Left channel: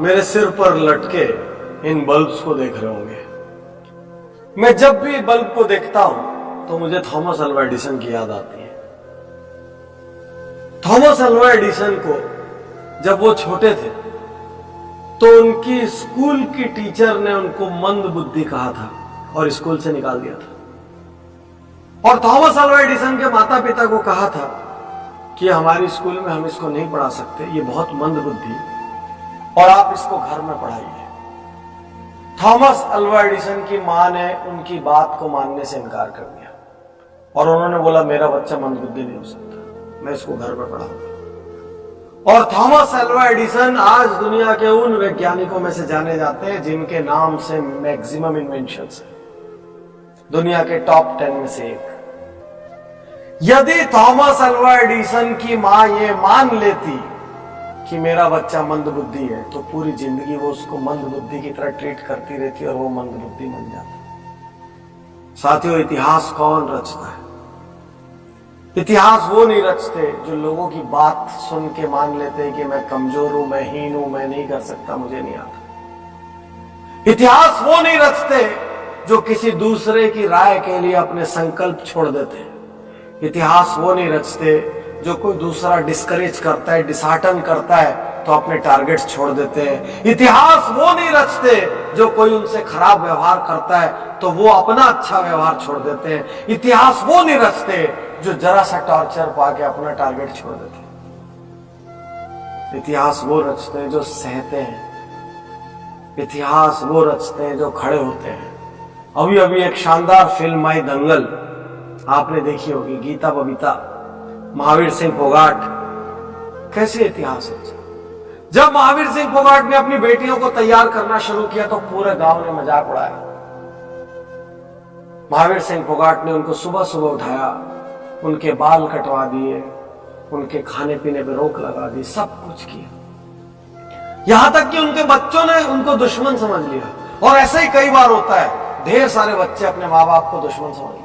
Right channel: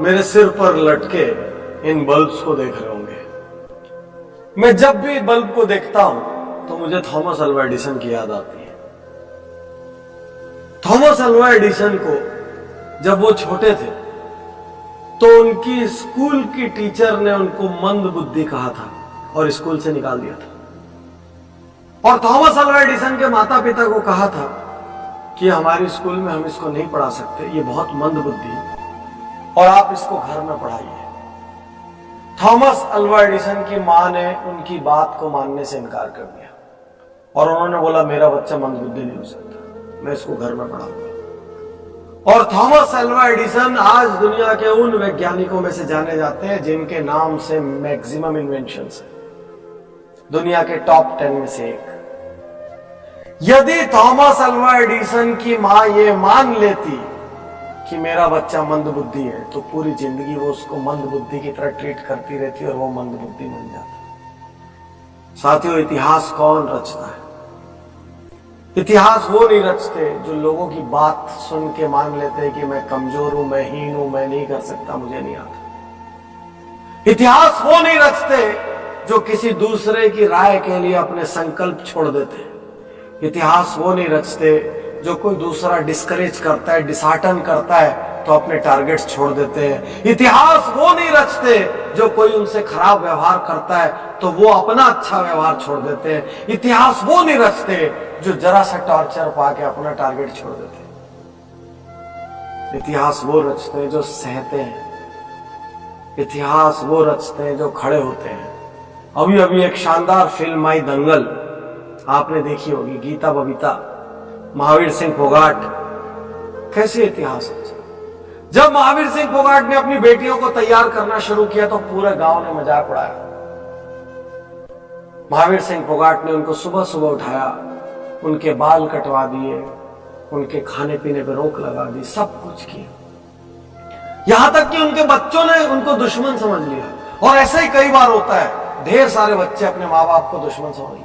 मेरे सिर पर लटके इन बल्ब्स को देख रहे होंगे। मैं जब भी बल्ब को देखता हूं तो मुझे थॉमस अल्वा एडिसन की याद आती है। थॉमस अल्वा एडिसन को जब वो छोटे थे तो उनकी स्कूल की टीचर ने उनको मंद बुद्धि कहा था और स्कूल से निकाल दिया था। और थॉमस अल्वा एडिसन के माता पिता को कहा था कि हमारी स्कूल में हम इसको नहीं पढ़ा सकते, ये बहुत मंद बुद्धि, और आप इसको घर में पढ़ाइए। थॉमस अल्वा एडिसन की मां ने उनकी बात को मानने से इनकार कर दिया और उन्होंने बोला मेरा बच्चा मंद बुद्धि नहीं हो सकता, मैं इसको घर में पढ़ाऊंगा। और थॉमस अल्वा एडिसन आज दुनिया के उन वैज्ञानिकों में से जाने जाते हैं जिनके नाम से मैक्सिमम इन्वेंशंस है, दुनिया के टॉप 10 में से एक। यदि थॉमस अल्वा एडिसन की मां ये मान लेती कि मेरा बच्चा मंद बुद्धि है तो पूरी जिंदगी वो उसको मंद बुद्धि की तरह ट्रीट करती रहती और वो मंद बुद्धि बन जाता। साथियों, इतिहास कौन रचता है? इतिहास वो नहीं रचते जो लोगों की बात सुन के मान लेते हैं कि मैं कमजोर हूं, मैं हीन हूं, मैं नहीं कर सकता, मुझे नहीं आता। इतिहास वो नहीं रचते जो किसी दूसरे की राय के लिए अपने संकल्प छोड़ देते हैं। इतिहास वो नहीं रचते जो कोई दूसरा डिस्करेज करता है, डिसहार्टन करता है तो अपने टारगेट्स छोड़ देते हैं। इतिहास वो नहीं रचते जो कोई उनसे खराब व्यवहार करता है तो वो अपना अच्छा व्यवहार छोड़ देते हैं। इतिहास वो नहीं रचते जो जरा सा टॉर्चर पाके अपना टारगेट छोड़ देते हैं। इतिहास वो रचते हैं जो सहते हैं। इतिहास वो रचते हैं जो खड़े होते हैं। अभी अभी एक शानदार फिल्म आई दंगल, आपने देखी होगी, गीता बबीता, महावीर सिंह फोगाट। कैसे इतिहास रचा? जब महावीर सिंह फोगाट ने अपनी बेटियों को तैयार करना शुरू किया तो पूरे गांव ने मजाक उड़ाया। महावीर सिंह फोगाट ने उनको सुबह सुबह उठाया, उनके बाल कटवा दिए, उनके खाने पीने पे रोक लगा दी, सब कुछ किया। यहां तक कि उनके बच्चों ने उनको दुश्मन समझ लिया। और ऐसा ही कई बार होता है, ढेर सारे बच्चे अपने माँ बाप को दुश्मन समझ लेते।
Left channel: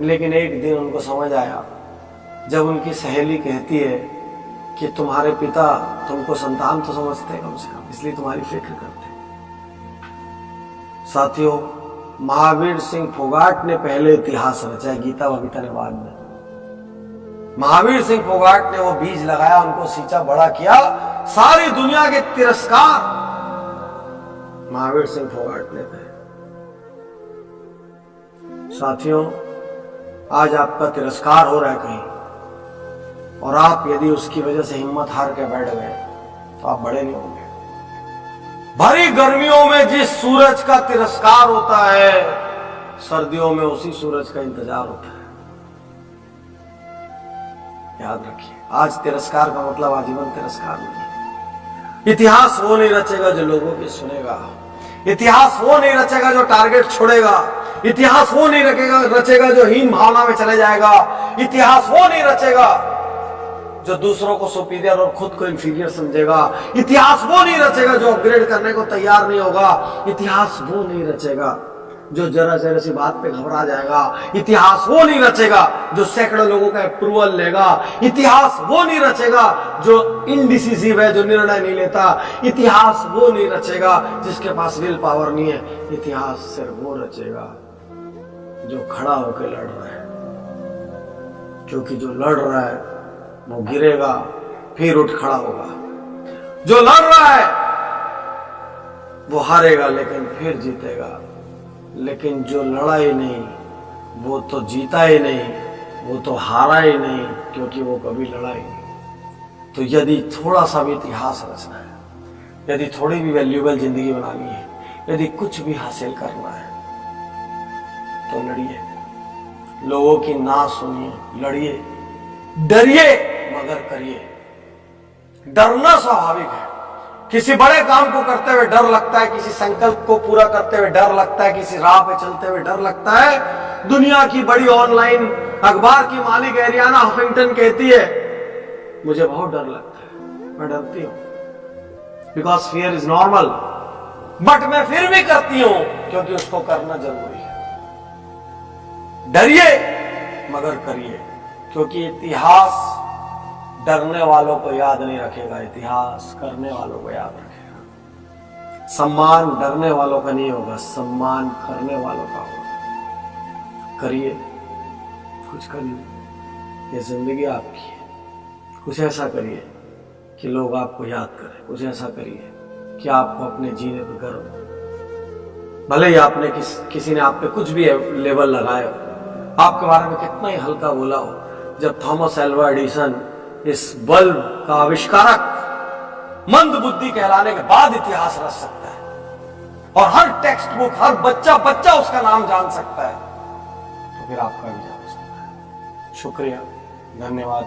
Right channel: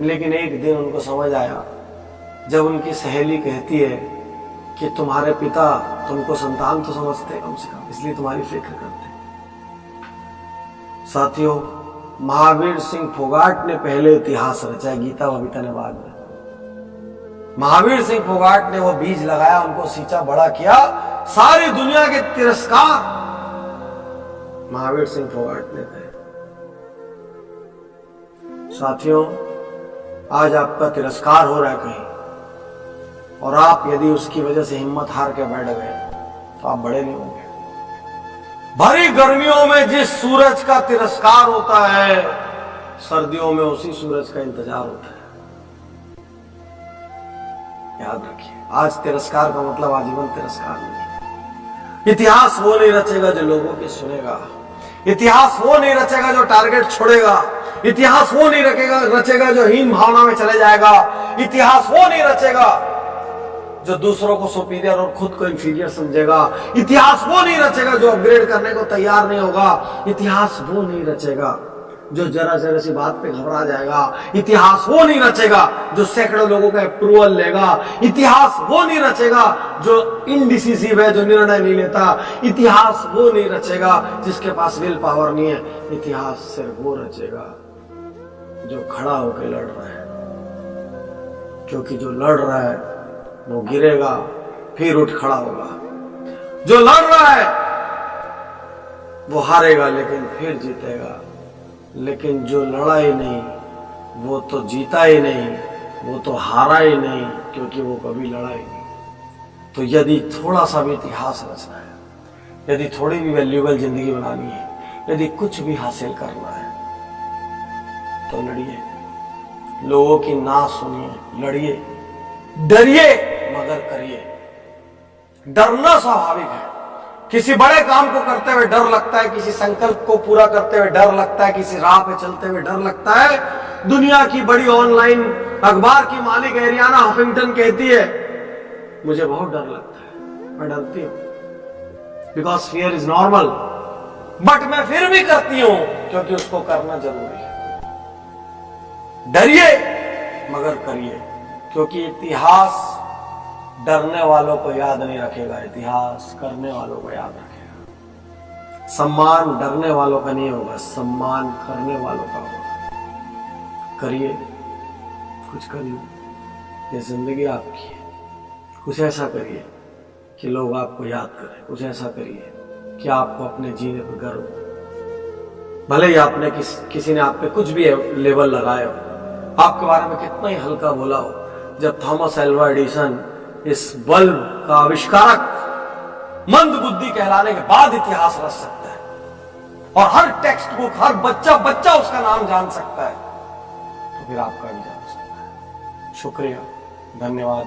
लेकिन एक दिन उनको समझ आया जब उनकी सहेली कहती है कि तुम्हारे पिता तुमको संतान तो समझते कम से कम, इसलिए तुम्हारी फिक्र करते। साथियों, महावीर सिंह फोगाट ने पहले इतिहास रचा, गीता बबीता ने बाद में। महावीर सिंह फोगाट ने वो बीज लगाया, उनको सींचा, बड़ा किया, सारी दुनिया के तिरस्कार महावीर सिंह फोगाट ने कहे। साथियों, आज आपका तिरस्कार हो रहा है कहीं और आप यदि उसकी वजह से हिम्मत हार के बैठ गए तो आप बड़े नहीं होंगे। भरी गर्मियों में जिस सूरज का तिरस्कार होता है, सर्दियों में उसी सूरज का इंतजार होता है। याद रखिए, आज तिरस्कार का मतलब आजीवन तिरस्कार नहीं। इतिहास वो नहीं रचेगा जो लोगों की सुनेगा। इतिहास वो नहीं रचेगा जो टारगेट छोड़ेगा। इतिहास वो नहीं रचेगा जो हीन भावना में चले जाएगा। इतिहास वो नहीं रचेगा जो दूसरों को सुपीरियर और खुद को इंफीरियर समझेगा। इतिहास वो नहीं रचेगा जो अपग्रेड करने को तैयार नहीं होगा। इतिहास वो नहीं रचेगा जो जरा जरा सी बात पे घबरा जाएगा। इतिहास वो नहीं रचेगा जो सैकड़ों लोगों का अप्रूवल लेगा। इतिहास वो नहीं रचेगा जो इनडिसिसिव है, जो निर्णय नहीं लेता। इतिहास वो नहीं रचेगा जिसके पास विल पावर नहीं है। इतिहास सिर्फ वो रचेगा जो खड़ा होकर लड़ रहा है, क्योंकि जो लड़ रहा है वो गिरेगा फिर उठ खड़ा होगा। जो लड़ रहा है वो हारेगा लेकिन फिर जीतेगा। लेकिन जो लड़ा ही नहीं वो तो जीता ही नहीं, वो तो हारा ही नहीं, क्योंकि वो कभी लड़ा ही नहीं। तो यदि थोड़ा सा भी इतिहास रचना है, यदि थोड़ी भी वैल्यूएबल जिंदगी बनानी है, यदि कुछ भी हासिल करना है तो लड़िए, लोगों की ना सुनिए, लड़िए, डरिए मगर करिए। डरना स्वाभाविक है। किसी बड़े काम को करते हुए डर लगता है, किसी संकल्प को पूरा करते हुए डर लगता है, किसी राह पे चलते हुए डर लगता है। दुनिया की बड़ी ऑनलाइन अखबार की मालिक एरियाना हफिंगटन कहती है, मुझे बहुत डर लगता है, मैं डरती हूं, because fear is normal, but मैं फिर भी करती हूं क्योंकि उसको करना जरूरी है। डरिए मगर करिए, क्योंकि इतिहास डरने वालों को याद नहीं रखेगा, इतिहास करने वालों को याद रखेगा। सम्मान डरने वालों का नहीं होगा, सम्मान करने वालों का होगा। करिए, कुछ करिए, ये जिंदगी आपकी है। कुछ ऐसा करिए कि लोग आपको याद करें, कुछ ऐसा करिए कि आपको अपने जीने पर गर्व हो। भले ही आपने किसी ने आप पे कुछ भी लेवल लगाए हो, आपके बारे में कितना ही हल्का बोला हो, जब थॉमस एल्वा एडिसन इस बल्ब का आविष्कारक मंद बुद्धि कहलाने के बाद इतिहास रच सकता है और हर टेक्स्ट बुक, हर बच्चा उसका नाम जान सकता है, तो फिर आपका भी जान सकता है। शुक्रिया, धन्यवाद।